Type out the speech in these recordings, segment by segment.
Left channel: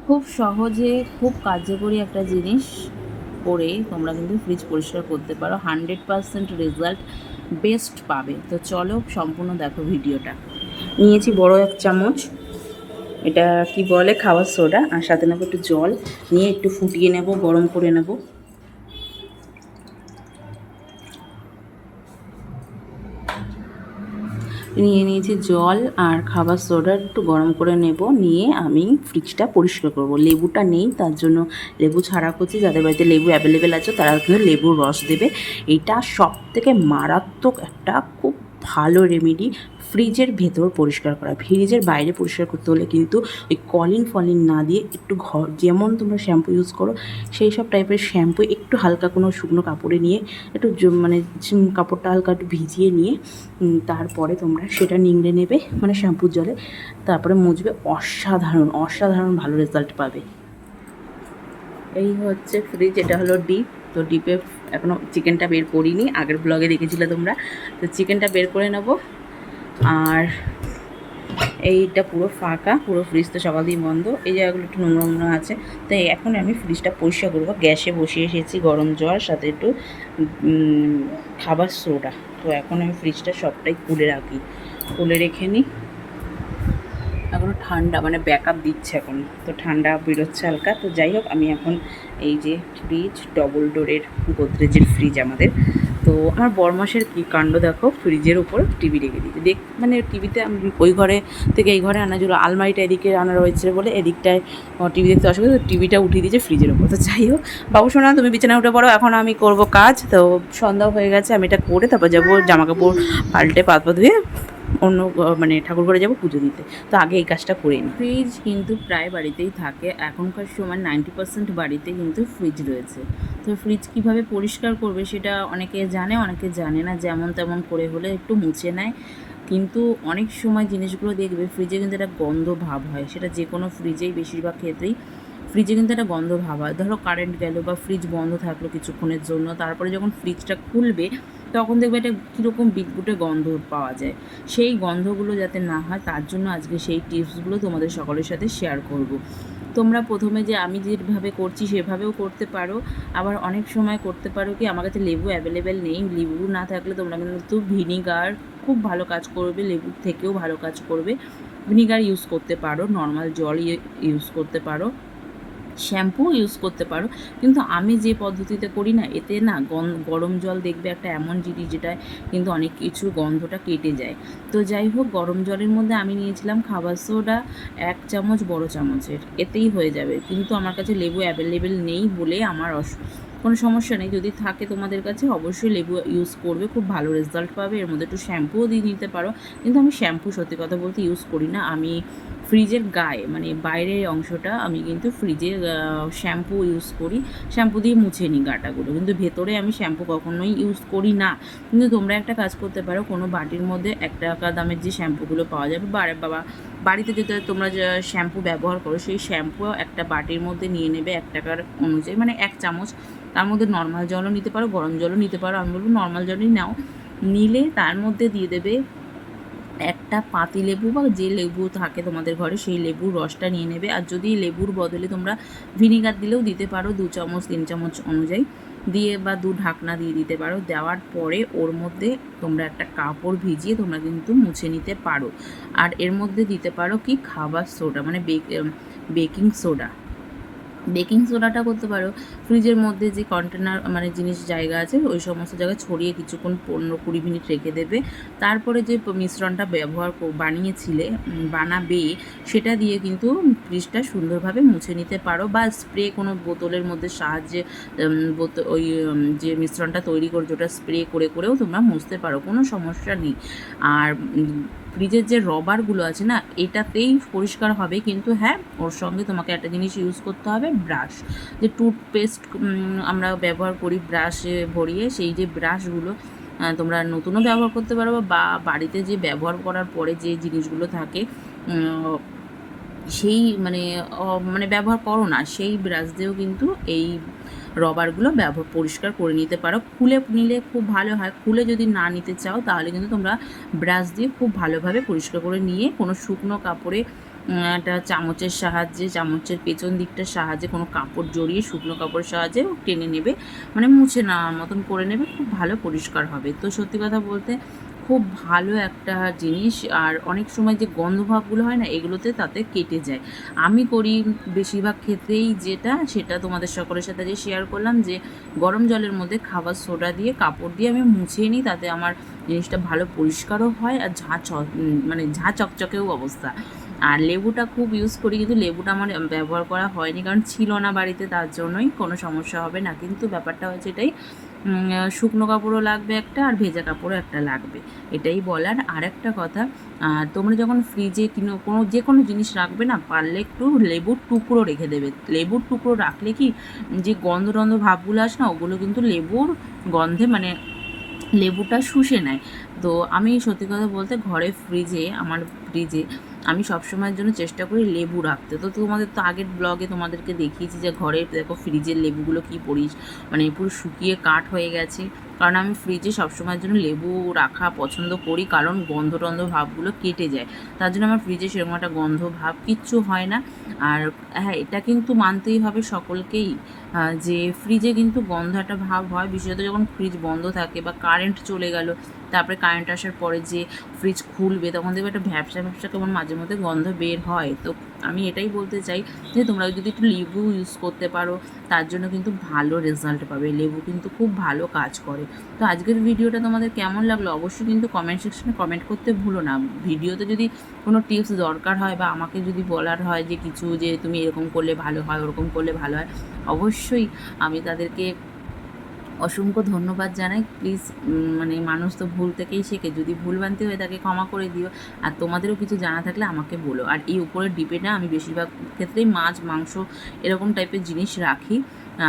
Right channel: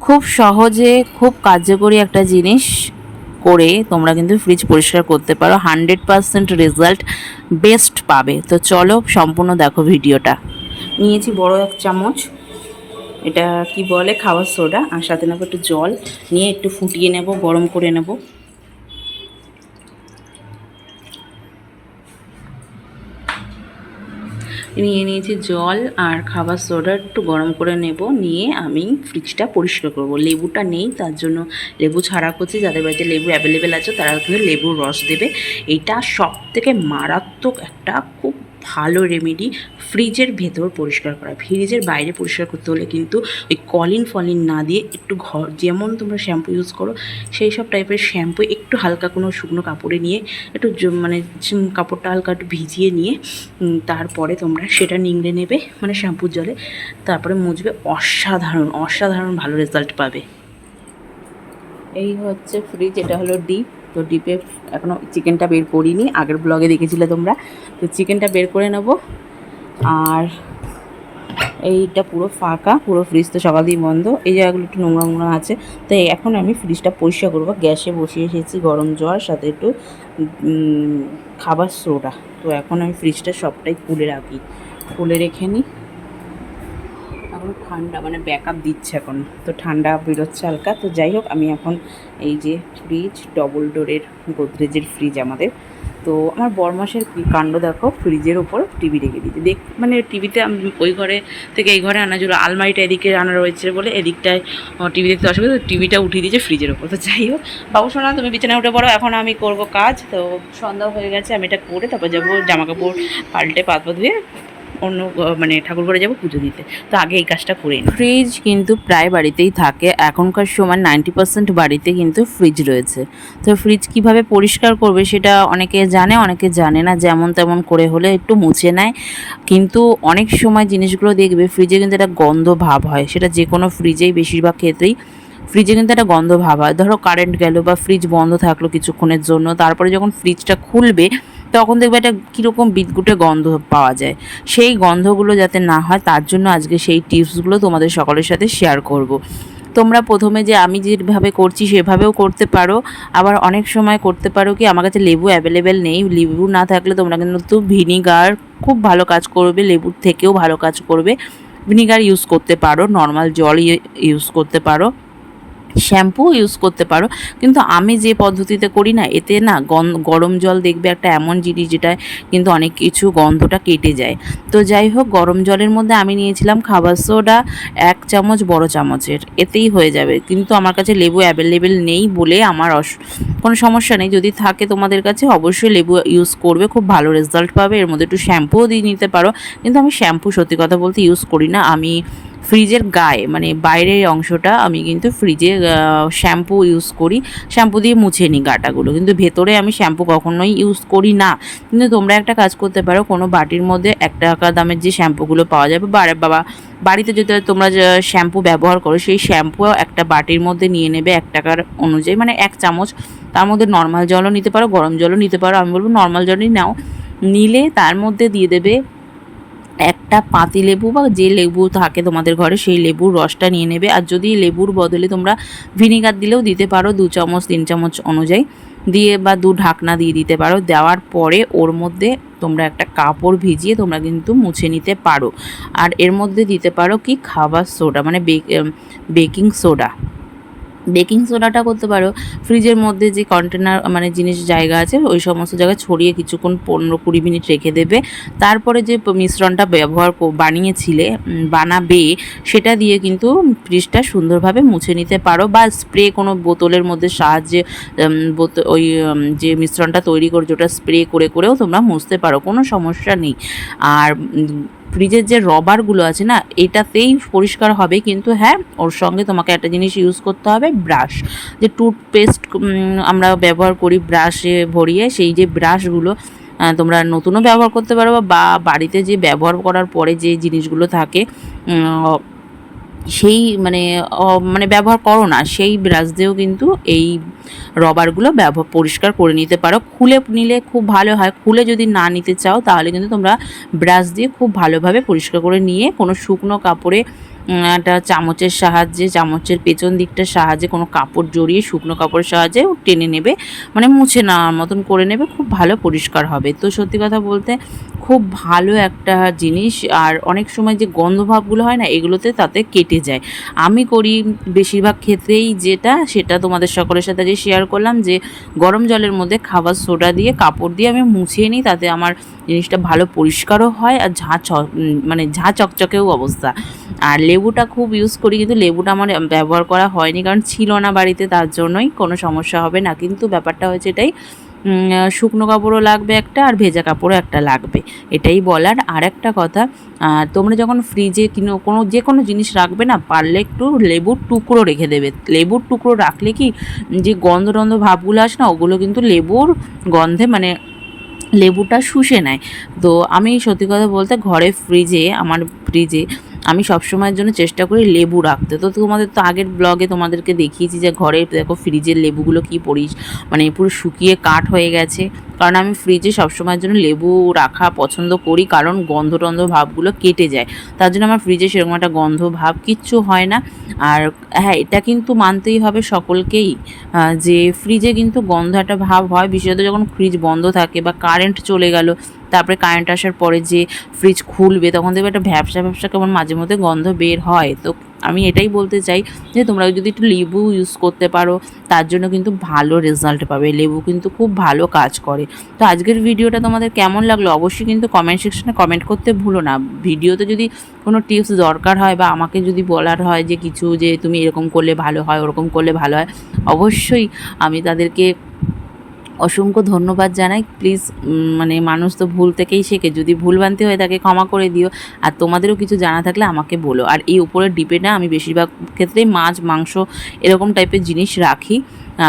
খুব সহজে, খুব কার্যকরী একটা জিনিস করে তোমরা কিন্তু ফ্রিজ পরিষ্কার করতে পারো। হান্ড্রেড পারসেন্ট রেজাল্ট বেস্ট পাবে। তো চলো সম্পূর্ণ দেখো ভিডিওটা। নিয়েছি বড় এক চামচ। এটা কি বলে? খাওয়ার সোডা আর সাথে নেব একটু জল। নিয়ে একটু ফুটিয়ে নেব, গরম করে নেব। নিয়ে নিয়েছি জল আর খাবার সোডা একটু গরম করে নেব। নিয়ে আমি ফ্রিজটা পরিষ্কার করব। লেবুটা নেই, তার জন্য লেবু ছাড়া করছি। যাদের বাড়িতে লেবু অ্যাভেলেবেল আছে, তারা কিন্তু লেবুর রস দেবে। এটা সব থেকে মারাত্মক একটা খুব ভালো রেমেডি ফ্রিজের ভেতর পরিষ্কার করা। ফ্রিজের বাইরে পরিষ্কার করতে হলে কিন্তু ওই কলিন ফলিন না দিয়ে একটু ঘর, যেমন তোমরা শ্যাম্পু ইউজ করো, সেই সব টাইপের শ্যাম্পু একটু হালকা কোনো শুকনো কাপড়ে নিয়ে, একটু মানে কাপড়টা হালকা একটু ভিজিয়ে নিয়ে তারপরে তোমরা সেটা নিংড়ে নেবে মানে শ্যাম্পুর জলে, তারপরে মুছবে, অসাধারণ অসাধারণ ভালো রেজাল্ট পাবে। এই হচ্ছে ফ্রিজ এটা হলো ডিপ তো ডিপে এখনও চিকেনটা বের করিনি, আগের ব্লগে দেখেছিলে তোমরা। তো চিকেনটা বের করে নেব। আর এইটা পুরো ফাঁকা, পুরো ফ্রিজ তো সকাল দিয়ে বন্ধ। এই জায়গাগুলো একটু নোংরা নোংরা আছে। তো এখন আমি ফ্রিজটা পরিষ্কার করব। গ্যাসে বসিয়ে এসেছি গরম জল, সাথে একটু খাবার সোডা তো এখন আমি ফ্রিজটা সবটাই খুলে রাখি। খুলে রেখে নিই। এখন ঠান্ডা মানে ব্যাকআপ দিচ্ছে এখন। তো ঠান্ডা বেরোচ্ছে হালকা। তো যাই হোক, আমি এখন এই যে ফ্রিজ ডবল ডোরের গোদরেজের ফ্রিজ আমাদের। তো আমার বরমাসের কি কাণ্ড দেখো ফ্রিজের ওপর টিভি রেখে দিতে দেখ মানে টিভিতে ওই ঘরে থেকে এই ঘরে আনা ছিল, আলমারিটা এদিকে আনা রয়েছে বলে এদিকটায় টিভি দেখতে অসুবিধা তো টিভিটা উঠিয়ে দিয়েছে ফ্রিজের ওপর তো যাই হোক, বাবু শোনা, তুমি বিছানা উঠে পড়ো, এখন আমি করব কাজ। তো সন্ধ্যা হয়ে গেছে, আমি এটা করে তারপর যাব জামা কাপড় পাল্টে পাত ধুয়ে অন্য মানে ঠাকুর ঘরে যাব পুজো দিতে। তো আগে এই কাজটা করে ফ্রিজ কিন্তু প্রায় বাড়িতেই থাকে। এখনকার সময় নাইনটি পার্সেন্ট বাড়িতে কিন্তু ফ্রিজ রয়েছে। তো ফ্রিজ কীভাবে পরিষ্কার করবে সেটা অনেকে জানে অনেকে জানে না। যেমন তেমন করে হলে একটু মুছে নেয়। কিন্তু অনেক সময় জিনিসগুলো দেখবে ফ্রিজে কিন্তু একটা গন্ধ ভাব হয়। সেটা যে কোনো ফ্রিজেই বেশিরভাগ ক্ষেত্রেই ফ্রিজে কিন্তু একটা গন্ধ ভাব হয়। ধরো কারেন্ট গেল বা ফ্রিজ বন্ধ থাকল কিছুক্ষণের জন্য। তারপরে যখন ফ্রিজটা খুলবে তখন দেখবে একটা কীরকম বিদগুটে গন্ধ পাওয়া যায়। সেই গন্ধগুলো যাতে না হয়, তার জন্য আজকে সেই টিপসগুলো তোমাদের সকলের সাথে শেয়ার করব। তোমরা প্রথমে যে আমি যেভাবে করছি, সেভাবেও করতে পারো। আবার অনেক সময় করতে পারো কি, আমার কাছে লেবু অ্যাভেলেবেল নেই। লেবু না থাকলে তোমরা কিন্তু ভিনিগার খুব ভালো কাজ করবে, লেবুর থেকেও ভালো কাজ করবে। ভিনিগার ইউজ করতে পারো নর্মাল জল ইউজ করতে পারো। শ্যাম্পু ইউজ করতে পারো। কিন্তু আমি যে পদ্ধতিতে করি না, এতে না গরম জল দেখবে একটা এমন জিনিস যেটা কিন্তু অনেক কিছু গন্ধটা কেটে যায়। তো যাই হোক, গরম জলের মধ্যে আমি নিয়েছিলাম খাবার সোডা এক চামচ বড় চামচের, এতেই হয়ে যাবে। কিন্তু আমার কাছে লেবু অ্যাভেলেবেল নেই বলে আমার অস, কোনো সমস্যা নেই। যদি থাকে তোমাদের কাছে, অবশ্যই লেবু ইউজ করবে, খুব ভালো রেজাল্ট পাবে। এর মধ্যে একটু শ্যাম্পুও দিয়ে নিতে পারো। কিন্তু আমি শ্যাম্পু সত্যি কথা বলতে ইউজ করি না। আমি ফ্রিজের গায়ে মানে বাইরের অংশটা আমি কিন্তু ফ্রিজে শ্যাম্পু ইউজ করি। শ্যাম্পু দিয়ে মুছে নিই গাটাগুলো। কিন্তু ভেতরে আমি শ্যাম্পু কখনোই ইউজ করি না। কিন্তু তোমরা একটা কাজ করতে পারো, কোনো বাটির মধ্যে এক টাকা দামের যে শ্যাম্পুগুলো পাওয়া যাবে, বা বাবা, বাড়িতে যদি তোমরা শ্যাম্পু ব্যবহার করো, সেই শ্যাম্পু একটা বাটির মধ্যে নিয়ে নেবে এক টাকার অনুযায়ী মানে এক চামচ। তার মধ্যে নর্মাল জলও নিতে পারো, গরম জলও নিতে পারো। আমি বলব নর্মাল জলই নাও। নিলে তার মধ্যে দিয়ে দেবে একটা পাতি লেবু বা যে লেবু থাকে তোমাদের ঘরে, সেই লেবুর রসটা নিয়ে নেবে। আর যদি লেবুর বদলে তোমরা ভিনিগার দিলেও দিতে পারো, দু চামচ, তিন চামচ অনুযায়ী। দিয়ে বা দু ঢাকনা দিয়ে দিতে পারো। দেওয়ার পরে ওর মধ্যে তোমরা একটা কাপড় ভিজিয়ে তোমরা কিন্তু মুছে নিতে পারো। আর এর মধ্যে দিতে পারো কি? খাবার সোডা মানে বেকিং সোডা। বেকিং সোডাটা করতে পারো। ফ্রিজের মধ্যে যে কন্টেনার মানে জিনিস জায়গা আছে ওই সমস্ত জায়গায় ছড়িয়ে কিছুক্ষণ পনেরো কুড়ি মিনিট রেখে দেবে। তারপরে যে মিশ্রণটা ব্যবহার বানিয়েছিলে বানাবে সেটা দিয়ে কিন্তু ফ্রিজটা সুন্দরভাবে মুছে নিতে পারো বা স্প্রে কোনো বোতলের মধ্যে সাহায্যে উম, বোত- ওই যে মিশ্রণটা তৈরি করে ওটা স্প্রে করে করেও তোমরা মুছতে পারো কোনো সমস্যা নেই। আর ফ্রিজের যে রবারগুলো আছে না, এটাতেই পরিষ্কার হবে। কিন্তু হ্যাঁ ওর সঙ্গে তোমাকে একটা জিনিস ইউজ করতে হবে ব্রাশ যে টুথপেস্ট আমরা ব্যবহার করি ব্রাশে ভরিয়ে, সেই যে ব্রাশগুলো তোমরা নতুনও ব্যবহার করতে পারো বা বাড়িতে যে ব্যবহার করার পরে যে জিনিসগুলো থাকে সেই মানে মানে ব্যবহার করো না। সেই ব্রাশ দিয়েও কিন্তু এই রবারগুলো ব্যবহার, পরিষ্কার করে নিতে পারো। খুলে নিলে খুব ভালো হয়। খুলে যদি না নিতে চাও, তাহলে কিন্তু তোমরা ব্রাশ দিয়ে খুব ভালোভাবে পরিষ্কার করে নিয়ে কোনো শুকনো কাপড়ে একটা চামচের সাহায্যে, চামচের পেছন দিকটার সাহায্যে কোনো কাপড় জড়িয়ে, শুকনো কাপড়ের সাহায্যে টেনে নেবে। মানে মুছে নেওয়ার মতন করে নেবে। খুব ভালো পরিষ্কার হবে। তো সত্যি কথা বলতে খুব ভালো একটা জিনিস। আর অনেক সময় যে গন্ধভাবগুলো হয় না, এগুলোতে তাতে কেটে যায়। আমি করি বেশিরভাগ ক্ষেত্রেই যেটা, সেটা তোমাদের সকলের সাথে যে শেয়ার করলাম যে, গরম জলের মধ্যে খাবার সোডা দিয়ে কাপড় দিয়ে আমি মুছিয়ে নিই, তাতে আমার জিনিসটা ভালো পরিষ্কারও হয় আর ঝাঁ মানে ঝাঁ চকচকেও অবস্থা। আর লেবুটা খুব ইউজ করি, কিন্তু লেবুটা আমার ব্যবহার করা হয়নি, কারণ ছিল না বাড়িতে, তার জন্যই কোনো সমস্যা হবে না। কিন্তু ব্যাপারটা হচ্ছে এটাই শুকনো কাপড়ও লাগবে একটা আর ভেজা কাপড়ও একটা লাগবে। এটাই বলার আর একটা কথা তোমরা যখন ফ্রিজে কিনো, কোনো যে কোনো জিনিস রাখবে না, পারলে একটু লেবুর টুকরো রেখে দেবে। লেবুর টুকরো রাখলে কি, যে গন্ধ টন্ধ ভাবগুলো আসে না, ওগুলো কিন্তু লেবুর গন্ধে মানে লেবুটা শুষে নেয়। তো আমি সত্যি কথা বলতে, ঘরে ফ্রিজে আমার ফ্রিজে আমি সবসময়ের জন্য চেষ্টা করি লেবু রাখতে। তো তোমাদের তো আগের ব্লগে তোমাদেরকে দেখিয়েছি যে ঘরে দেখো ফ্রিজের লেবুগুলো কি পড়িস মানে পুরো শুকিয়ে কাঠ হয়ে গেছে। কারণ আমি ফ্রিজে সবসময়ের জন্য লেবু রাখা পছন্দ করি, কারণ গন্ধ টন্ধ ভাবগুলো কেটে যায়। তার জন্য আমার ফ্রিজে সেরকম একটা গন্ধ ভাব কিচ্ছু হয় না। আর হ্যাঁ এটা কিন্তু মানতেই হবে সকলকেই যে ফ্রিজে কিন্তু গন্ধ একটা ভাব হয়। বিশেষত যখন ফ্রিজ বন্ধ থাকে বা কারেন্ট চলে গেল, তারপরে কারেন্ট আসার পরে যে ফ্রিজ খুলবে, তখন দেখবে একটা ভ্যাবসা ভ্যাবসা কেমন মাঝে মধ্যে গন্ধ বের হয়। তো আমি এটাই বলতে চাই যে তোমরা যদি একটু লেবু ইউজ করতে পারো, তার জন্য কিন্তু ভালো রেজাল্ট পাবে। লেবু কিন্তু খুব ভালো কাজ করে। তো আজকের ভিডিওটা তোমাদের কেমন লাগল অবশ্যই কিন্তু কমেন্ট সেকশনে কমেন্ট করতে ভুলো না। ভিডিওতে যদি কোনো টিপস দরকার হয় বা আমাকে যদি বলার হয় যে কিছু যে তুমি এরকম করলে ভালো হয়, ওরকম করলে ভালো হয়, অবশ্যই আমি তাদেরকে অসংখ্য ধন্যবাদ জানাই। প্লিজ মানে মানুষ তো ভুল থেকেই শেখে। যদি ভুলভ্রান্তি হয়ে থাকে ক্ষমা করে দিও। আর তোমাদেরও কিছু জানা থাকলে আমাকে বলো। আর এই উপরের ডিপে না আমি বেশিরভাগ ক্ষেত্রেই মাছ, মাংস এরকম টাইপের জিনিস রাখি।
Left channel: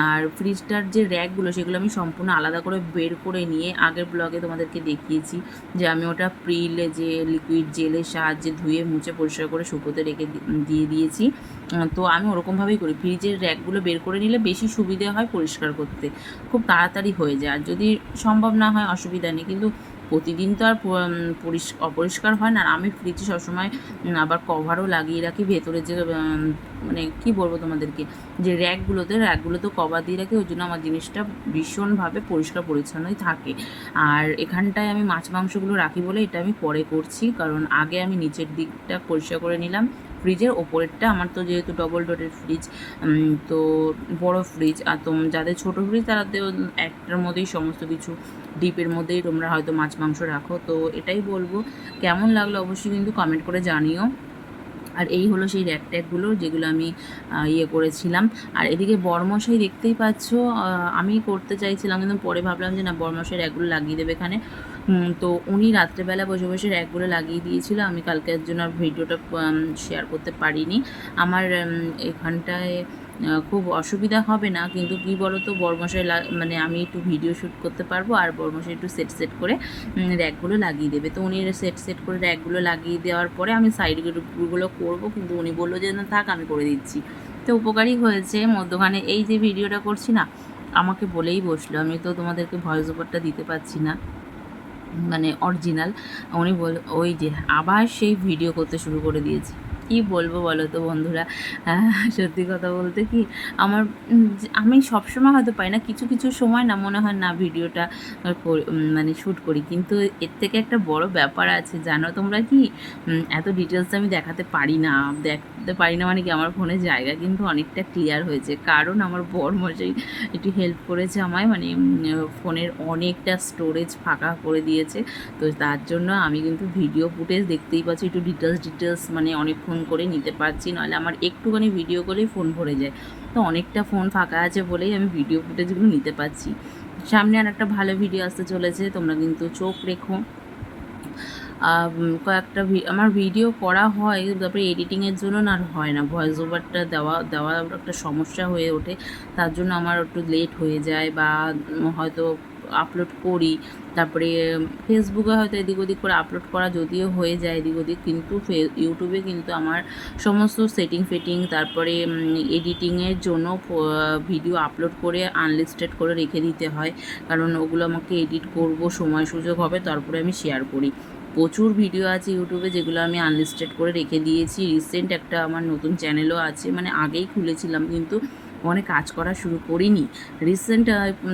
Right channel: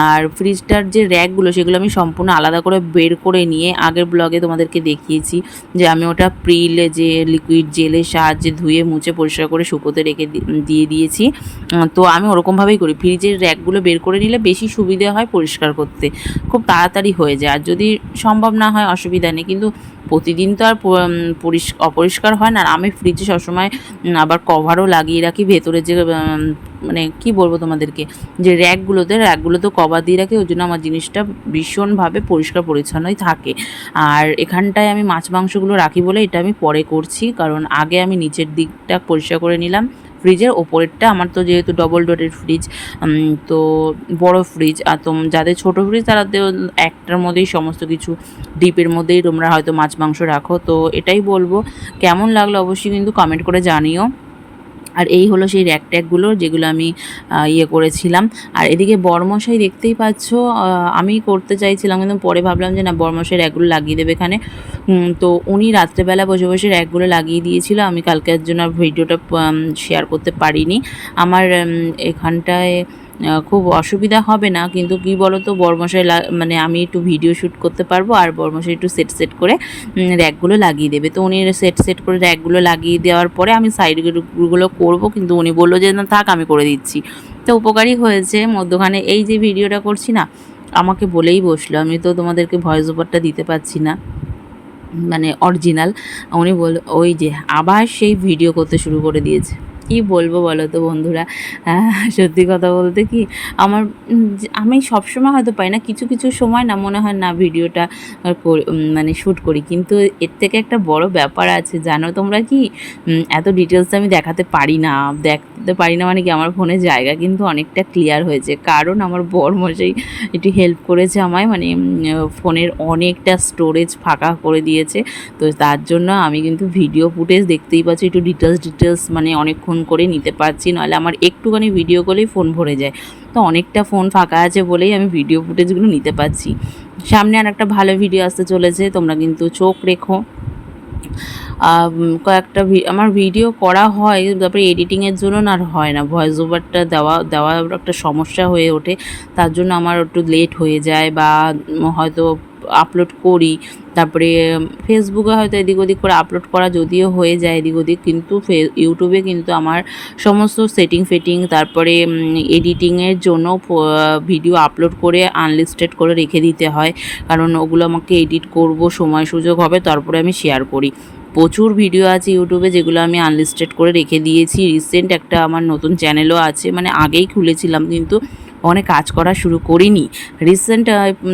আর ফ্রিজটার যে র্যাকগুলো সেগুলো আমি সম্পূর্ণ আলাদা করে বের করে নিয়ে আগের ব্লগে তোমাদেরকে দেখিয়েছি যে আমি ওটা প্রিলে যে লিকুইড জেলের সাহায্যে ধুয়ে, মুছে, পরিষ্কার করে শুকোতে রেখে দিয়ে দিয়েছি। তো আমি ওরকমভাবেই করি। ফ্রিজের র্যাকগুলো বের করে নিলে বেশি সুবিধে হয় পরিষ্কার করতে। খুব তাড়াতাড়ি হয়ে যায়। আর যদি সম্ভব না হয়, অসুবিধা নেই। কিন্তু প্রতিদিন তো আর অপরিষ্কার হয় না। আর আমি ফ্রিজে সবসময় আবার কভারও লাগিয়ে রাখি। ভেতরে যে মানে কি বলব তোমাদেরকে? যে র্যাকগুলোতে র্যাকগুলোতে কভার দিয়ে রাখে, ওই জন্য আমার জিনিসটা ভীষণভাবে পরিষ্কার পরিচ্ছন্নই থাকে। আর এখানটায় আমি মাছ মাংসগুলো রাখি বলে এটা আমি পরে করছি, কারণ আগে আমি নিচের দিকটা পরিষ্কার করে নিলাম। ফ্রিজের ওপরেরটা, আমার তো যেহেতু ডবল ডোরের ফ্রিজ তো বড় ফ্রিজ আর তো যাদের ছোট ফ্রিজ তারা তো একটার মধ্যেই সমস্ত কিছু, ডিপের মধ্যেই তোমরা হয়তো মাছ মাংস রাখো। তো এটাই বলব। কেমন লাগল অবশ্যই কিন্তু কমেন্ট করে জানিও। আর এই হলো সেই র্যাক ট্যাকগুলো যেগুলো আমি ইয়ে করেছিলাম। আর এদিকে বরমশাই দেখতেই পাচ্ছ আমি করতে চাইছিলাম কিন্তু পরে ভাবলাম যে না, বরমশাই র্যাকগুলো লাগিয়ে দেবে এখানে। তো উনি রাত্রেবেলা বসে বসে র্যাকগুলো লাগিয়ে দিয়েছিল। আমি কালকের জন্য আর ভিডিওটা শেয়ার করতে পারিনি। আমার এখানটায় খুব অসুবিধা হবে না, কিন্তু কি বলো তো বরমশাই মানে আমি একটু ভিডিও শ্যুট করতে পারব, আর বরমশাই একটু সেট সেট করে র্যাকগুলো লাগিয়ে দেবে। তো উনি সেট সেট করে র্যাকগুলো লাগিয়ে দেওয়ার পরে আমি সাইডগুলো করব, কিন্তু উনি বলল যে, না, থাক, আমি করে দিচ্ছি। তো উপকারী হয়েছে, মধ্যখানে এই যে ভিডিওটা করছি না, আমাকে বলেই বসল। আমি তো তোমাদেরকে ভয়েস ওভারটা দিতে পারছি না মানে অরিজিনাল উনি বল, ওই যে, আবার সেই ভিডিও করতে শুরু করে দিয়েছে। কি বলব বলো তো বন্ধুরা? সত্যি কথা বলতে কি আমার আমি সবসময় হয়তো পাই না, কিছু কিছু সময় না মনে হয় না ভিডিওটা মানে শ্যুট করি। কিন্তু এর থেকে একটা বড় ব্যাপার আছে, জানো তোমরা কি? এত ডিটেলস আমি দেখাতে পারি না। দেখাতে পারি না মানে কি আমার ফোনে জায়গা কিন্তু অনেকটা ক্লিয়ার হয়েছে। কারণ আমার বর মশাই একটু হেল্প করেছে আমায় মানে ফোনের অনেকটা স্টোরেজ ফাঁকা করে দিয়েছে। তো তার জন্য আমি কিন্তু ভিডিও ফুটেজ দেখতেই পাচ্ছি, একটু ডিটেলস ডিটেলস মানে অনেকক্ষণ করে নিতে পারছি। নাহলে আমার একটুখানি ভিডিও করলেই ফোন ভরে যায়। তো অনেকটা ফোন ফাঁকা আছে বলেই আমি ভিডিও ফুটেজগুলো নিতে পারছি। সামনে আর একটা ভালো ভিডিও আসতে চলেছে, তোমরা কিন্তু চোখ রেখো। কয়েকটা আমার ভিডিও করা হয়, তারপরে এডিটিংয়ের জন্য আর হয় না। ভয়েস ওভারটা দেওয়া দেওয়া একটা সমস্যা হয়ে ওঠে। তার জন্য আমার একটু লেট হয়ে যায় বা হয়তো আপলোড করি। তারপরে ফেসবুকে হয়তো এদিক ওদিক করে আপলোড করা যদিও হয়ে যায় এদিক ওদিক, কিন্তু ইউটিউবে কিন্তু আমার সমস্ত সেটিং ফেটিং তারপরে এডিটিংয়ের জন্য ভিডিও আপলোড করে আনলিস্টেড করে রেখে দিতে হয়। কারণ ওগুলো আমাকে এডিট করব, সময় সুযোগ হবে, তারপরে আমি শেয়ার করি। প্রচুর ভিডিও আছে ইউটিউবে যেগুলো আমি আনলিস্টেড করে রেখে দিয়েছি। রিসেন্ট একটা আমার নতুন চ্যানেলও আছে মানে আগেই খুলেছিলাম কিন্তু অনেক কাজ করা শুরু করিনি। রিসেন্ট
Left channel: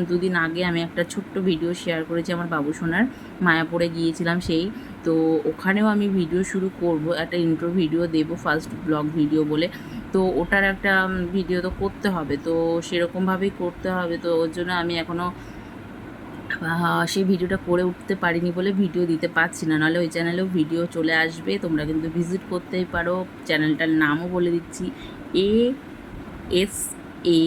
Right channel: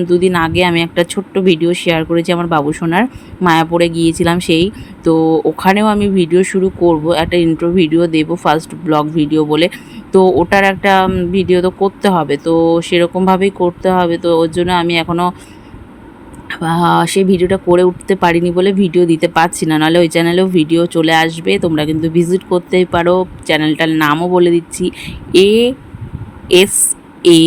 দুদিন আগে আমি একটা ছোট্ট ভিডিও শেয়ার করেছি আমার বাবু সোনার, মায়াপুরে গিয়েছিলাম সেই। তো ওখানেও আমি ভিডিও শুরু করব, একটা ইন্ট্রো ভিডিও দেবো ফার্স্ট ব্লগ ভিডিও বলে। তো ওটার একটা ভিডিও তো করতে হবে, তো সেরকমভাবেই করতে হবে। তো ওর জন্য আমি এখনও সেই ভিডিওটা করে উঠতে পারিনি বলে ভিডিও দিতে পারছি না। নাহলে ওই চ্যানেলেও ভিডিও চলে আসবে, তোমরা কিন্তু ভিজিট করতেই পারো। চ্যানেলটার নামও বলে দিচ্ছি এ এস এ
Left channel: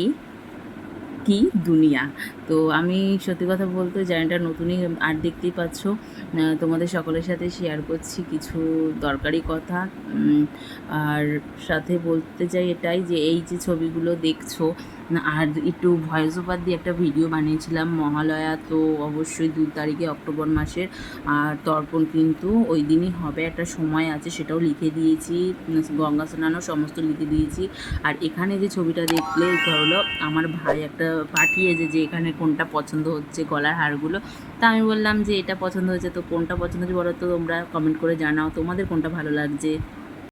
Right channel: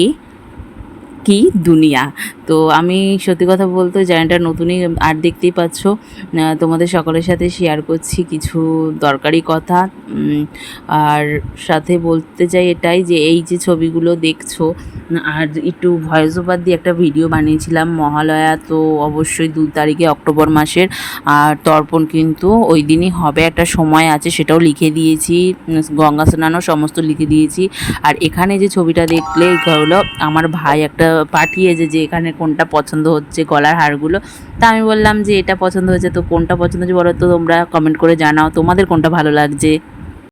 কি দুনিয়া। তো আমি সত্যি কথা বলতে চ্যানেলটা নতুনই আর দেখতেই পাচ্ছ। তোমাদের সকলের সাথে শেয়ার করছি কিছু দরকারি কথা। আর সাথে বলতে চাই এটাই যে, এই যে ছবিগুলো দেখছ আর একটু ভয়েস ওভার দিয়ে একটা ভিডিও বানিয়েছিলাম মহালয়া, তো অবশ্যই দু তারিখে অক্টোবর মাসের। আর তর্পণ কিন্তু ওই দিনই হবে, একটা সময় আছে, সেটাও লিখে দিয়েছি, গঙ্গা স্নানও সমস্ত লিখে দিয়েছি। আর এখানে যে ছবিটা দেখলে হলো আমার ভাই একটা পাঠিয়েছে যে এখানে কোনটা পছন্দ হচ্ছে গলার হারগুলো। তা আমি বললাম যে এটা পছন্দ হয়েছে, তো কোনটা পছন্দ হচ্ছে বলো তো তোমরা কমেন্ট করে জানাও, তোমাদের কোনটা ভালো লাগছে?